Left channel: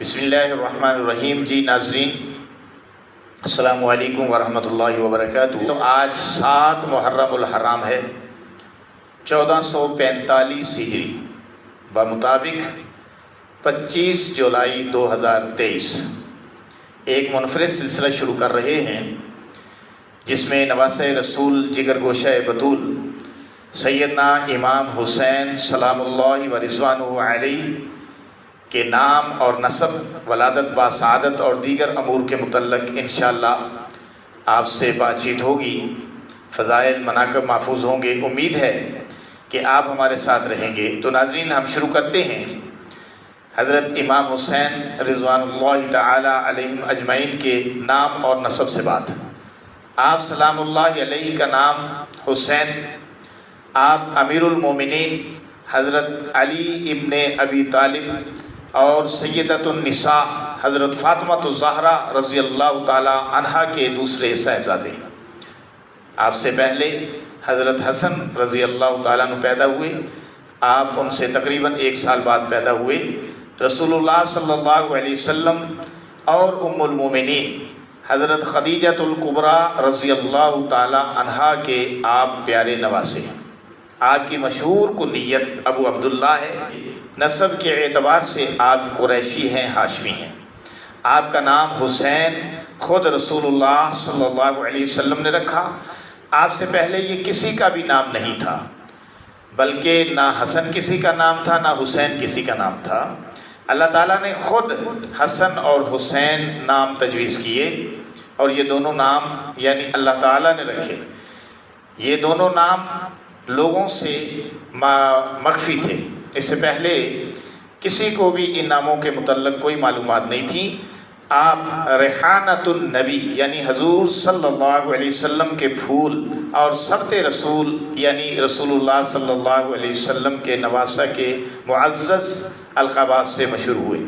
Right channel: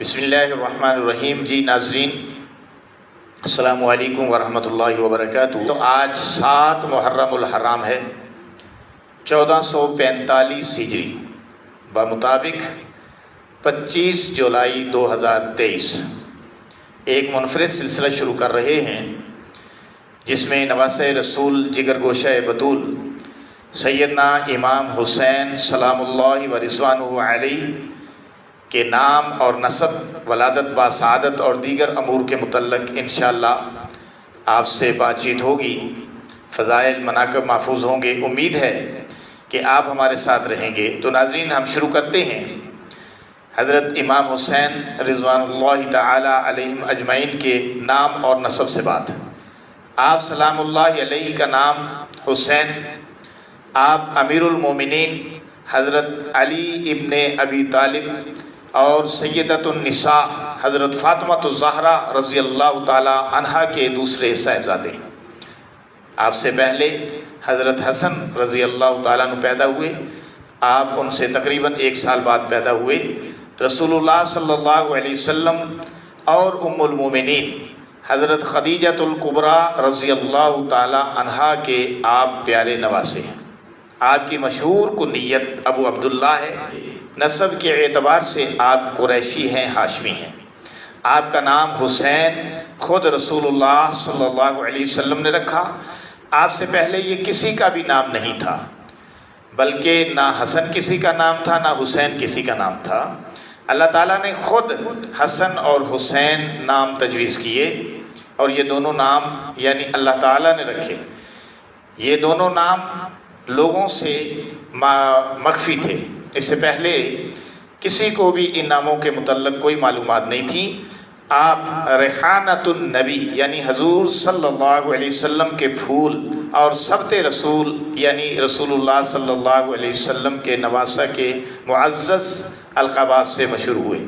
بسم اللہ الرحمن الرحیم۔ جی ناظرین، السلام علیکم ورحمۃ اللہ وبرکاتہ۔ تو آج 7 محرم الحرام ہے، 1445 ہجری، بمطابق 25 جولائی 2023 ایک منفرد سلسلہ شروع کر رہے ہیں جس میں نواسۂ رسول جگر گوشہ بطول سیدنا امام حسین سلام اللہ و رضوانہ علیہ کے نام اور نسب، ولادت با سعادت اور دیگر امور کے متعلق انشاءاللہ آپ سے بات چیت ہوگی، فضائل مناقب محفوظ ہوں گے۔ امید ہے کہ آپ ہمارے ساتھ رہیں گے۔ تو ناظرین، ہم شروع کرتے ہیں حضرت امام حسین رضوان اللہ تعالی علیہم اجمعین کے نام اور نسب سے بات۔ آپ سلام اللہ علیہ کا نام حسین، آپ امیر المومنین حضرت علی ابن ابی طالب اور سیدۃ النساء حضرت فاطمہ الزہرا رضی اللہ تعالی عنہا کے دوسرے صاحبزادے ہیں۔ آپ سے پہلے حضرت حسن رضی اللہ تعالیٰ عنہ پیدا ہوئے، آپ ان سے تقریباً 1 سال بعد پیدا ہوئے۔ رسول اللہ صلی اللہ علیہ وسلم اور ام المومنین حضرت خدیجہ الکبریٰ رضی اللہ تعالی عنہا کے آپ پیارے نواسے ہیں۔ آپ کی مشہور کنیت ابو عبداللہ ہے۔ نسب کے اعتبار سے آپ قریشی ہیں، ہاشمی ہیں۔ آپ کا نام حسین خود رسول اللہ صلی اللہ علیہ وسلم نے رکھا۔ آپ سے پہلے یہ کسی کا بھی نام نہیں تھا، بلکہ نہ حسن کسی کا نام تھا، نہ حسین کسی کا نام تھا۔ اللہ تعالیٰ نے خود حسن اور حسین نام تجویز کیے، اور یہ دونوں نام یعنی اللہ تعالیٰ نے رکھے۔ یہ دونوں نام لوگوں سے مخفی تھے، اس سے پہلے کسی کو بھی ان ناموں کے متعلق کوئی معلومات نہیں تھی۔ آپ ریحانۃ النبی یعنی حضور صلی اللہ علیہ وسلم کے پھول اور سبط رسول یعنی رسول اللہ صلی اللہ علیہ وسلم کے نواسہ کے معزز القابات سے مشہور ہوئے۔